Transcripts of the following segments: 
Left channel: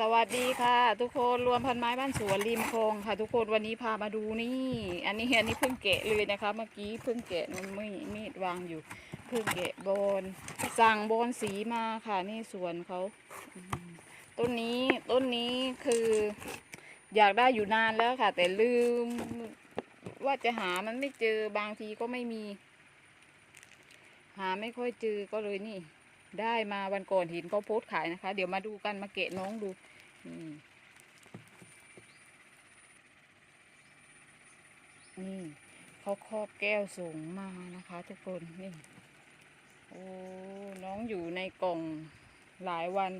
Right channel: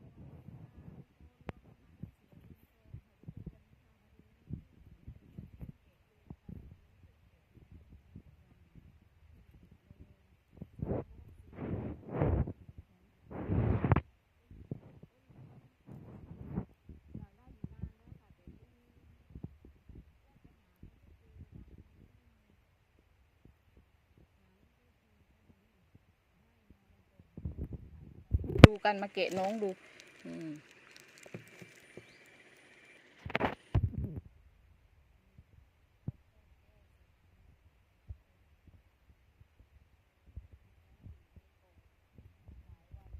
สวัสดีค่ะ ทุกคนรวมพันไม้บ้านสวนริมคลองค่ะ ทุกคนวันนี้พามาดูนี่ อันนี้อันนี้เพิ่งแกะเลยนะคะ เมื่อกี้เพิ่งแกะมันไม่มีดวางอยู่ เพิ่งแกะบอนสั่งบอนสีมาค่ะนี่สวนเขาต้นนี้ต้นนี้คือ อยากได้อยู่นานแล้วค่ะ แต่ลืม ว่าจะหามันไม่เจอบางทีก็ไม่มี หาไม่ค่อยเจอก็เลยนี่ ได้มาวันก่อนห็นเขาโพสขายนะคะ เดี๋ยวมาดูกันมาเกะน้องดูนี่นี่เขาครอบแก้วสูงมานะคะ ทุกคนนี่โอ้น้องอยู่ในกล่องหลายวัน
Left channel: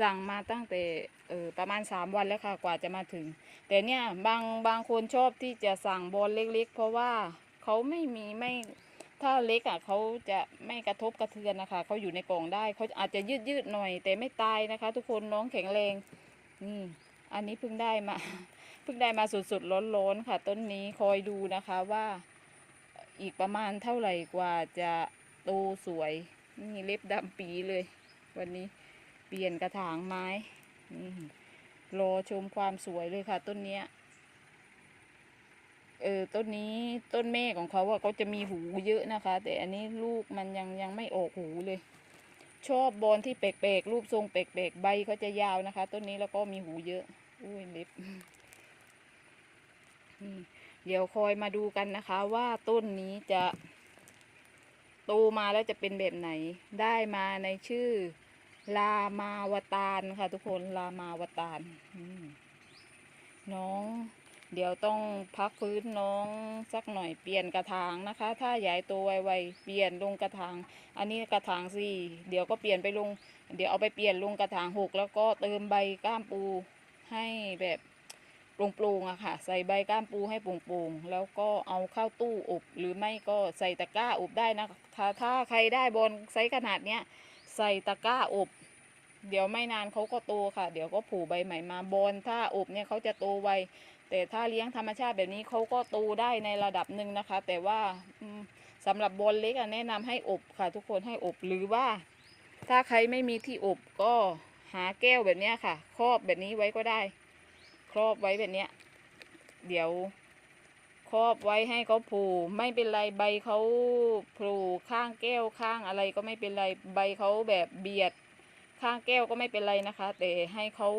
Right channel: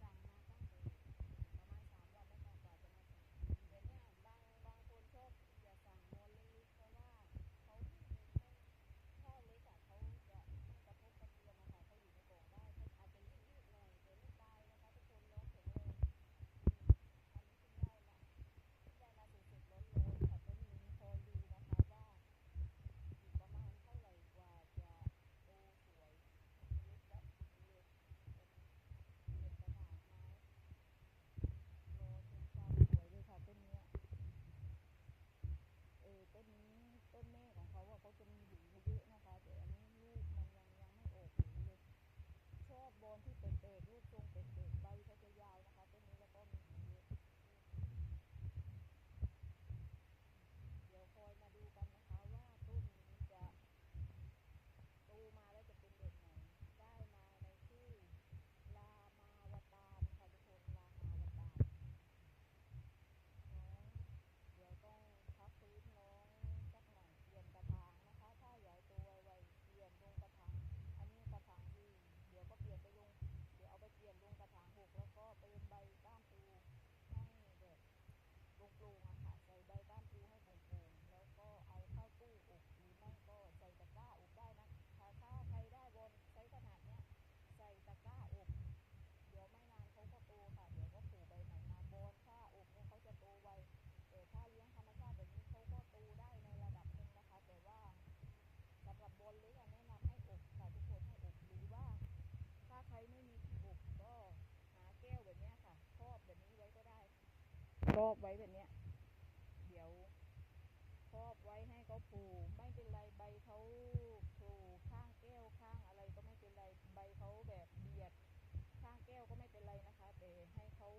สั่งมาตั้งแต่เออประมาณสามวันแล้วค่ะกว่าจะมาถึง แต่เนี่ยบางบางคนชอบที่จะสั่งบอลเล็ก ๆ เพราะว่าเขาไม่มีไม่ ถ้าเล็กอะเขาจะไม่กระทบกระเทือนนะคะเขาอยู่ในกล่องได้เขาอาจจะยืดยืดหน่อย แต่ไม่ตายนะคะ ทุกคนน้องแข็งแรงนี่ อันนี้เพิ่งได้มาเพิ่งได้มาสดๆร้อนๆค่ะ ต้นนี้คอยดูนะคะว่า อีกประมาณเท่าไหร่กว่าจะโตสวย นี่เล็บดำปีเลย วันนี้เปลี่ยนกระถางไม้นี่รอชมความสวยเลยค่ะ ต้นเนี้ย เออต้นนี้ต้นเมฆของเขาอะก็จะมีหูเยอะนะคะ แต่อันนี้ลูกมันยังยังไม่ออกหูเลย ชอบบอนที่แปลกๆรูปทรงแปลกๆใบเขาจะยาวนะคะ ต้นนี้แล้วก็มีหูเยอะ อุ้ยเล็บนี่เดี๋ยวคอยมาดูกันนะคะ ว่าต้นนี้จะโตมาแล้วจะเป็นแบบไหน ได้มาในชื่อ ลามาวตารค่ะ ทุกคนลามาวตารน้อง เดี๋ยวต้องพักฟื้นน้องสักหน่อยเปลี่ยนกระถางนะคะ ถ้าใหญ่โตไวๆเปลี่ยนลงกระถาง อันนี้กระถางสี่เดี๋ยวก็เปลี่ยนไปลง เดี๋ยวเอาไปเปลี่ยนลงกระถางหกแล้วก็เติมใบก้ามปูให้แบบโปร่งๆอะค่ะ ใส่ใบก้ามปูให้โปร่งๆแล้วก็เอาเข้าตู้อบ หรือไม่ก็ใส่ตะกร้าอบได้นะคะถ้าถ้าใครได้บอลไซส์ขนาดเนี้ยใส่ตะกร้าอบ เดี๋ยวไม่นานเขาก็โตค่ะ เดี๋ยวก็ผูใบใหม่มาบอลถ้าอบเนี่ยเขาจะโตไวแต่ถ้าเลี้ยงธรรมชาติแบบนี้เขาก็โตได้ในระดับหนึ่งนะคะ แต่ว่าสำหรับบอลเล็กแนะนำให้อบค่ะ ทุกคนให้อบหรือว่า ถ้าใครไม่มีที่อบก็หาแก้วแบบนี้ค่ะ ครอบแบบนี้ไว้ก็ได้ ครอบไว้แบบนี้เดี๋ยวครอบไว้ให้เขาผูไม่เป็นไรใบเขาผล่ข้างแก้วข้างอะไรก็ไม่เป็นไรใบเขาแบบเบียด ข้างแก้วก็ไม่เป็นไรนะคะ แต่ให้เขา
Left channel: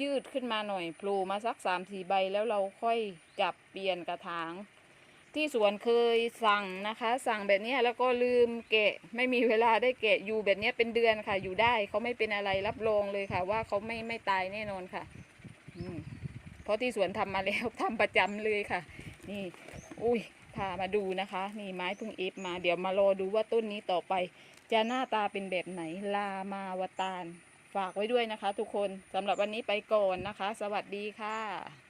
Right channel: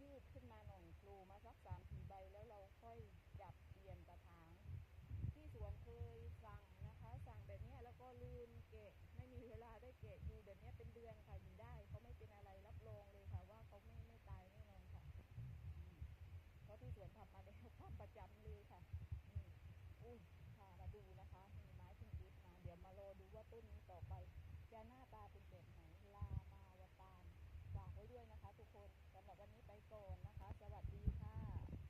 ยืดขึ้นมาหน่อยโผล่มาสักสามสี่ใบแล้วเราค่อยจับเปลี่ยนกระถาง ที่สวนเคยสั่งนะคะ สั่งแบบนี้แล้วก็ลืมแกะไม่มีเวลาได้แกะอยู่แบบนี้เป็นเดือนค่ะ อยู่ได้เขาไม่เป็นอะไรรับรองเลยค่ะ ว่าเขาไม่ไม่ตายแน่นอนค่ะเพราะที่สวนทำมาแล้วทำประจำเลยค่ะ นี่ อุ้ย พามาดูนะคะ นี่ไม้เพึ่งเอฟมา เดี๋ยวมารอดูว่าต้นนี้ต่อไป จะหน้าตาเป็นแบบไหน ลามาวตาล ฝากไว้ด้วยนะคะ ทุกคนสำหรับวันนี้ไปก่อนนะคะ สวัสดีค่ะ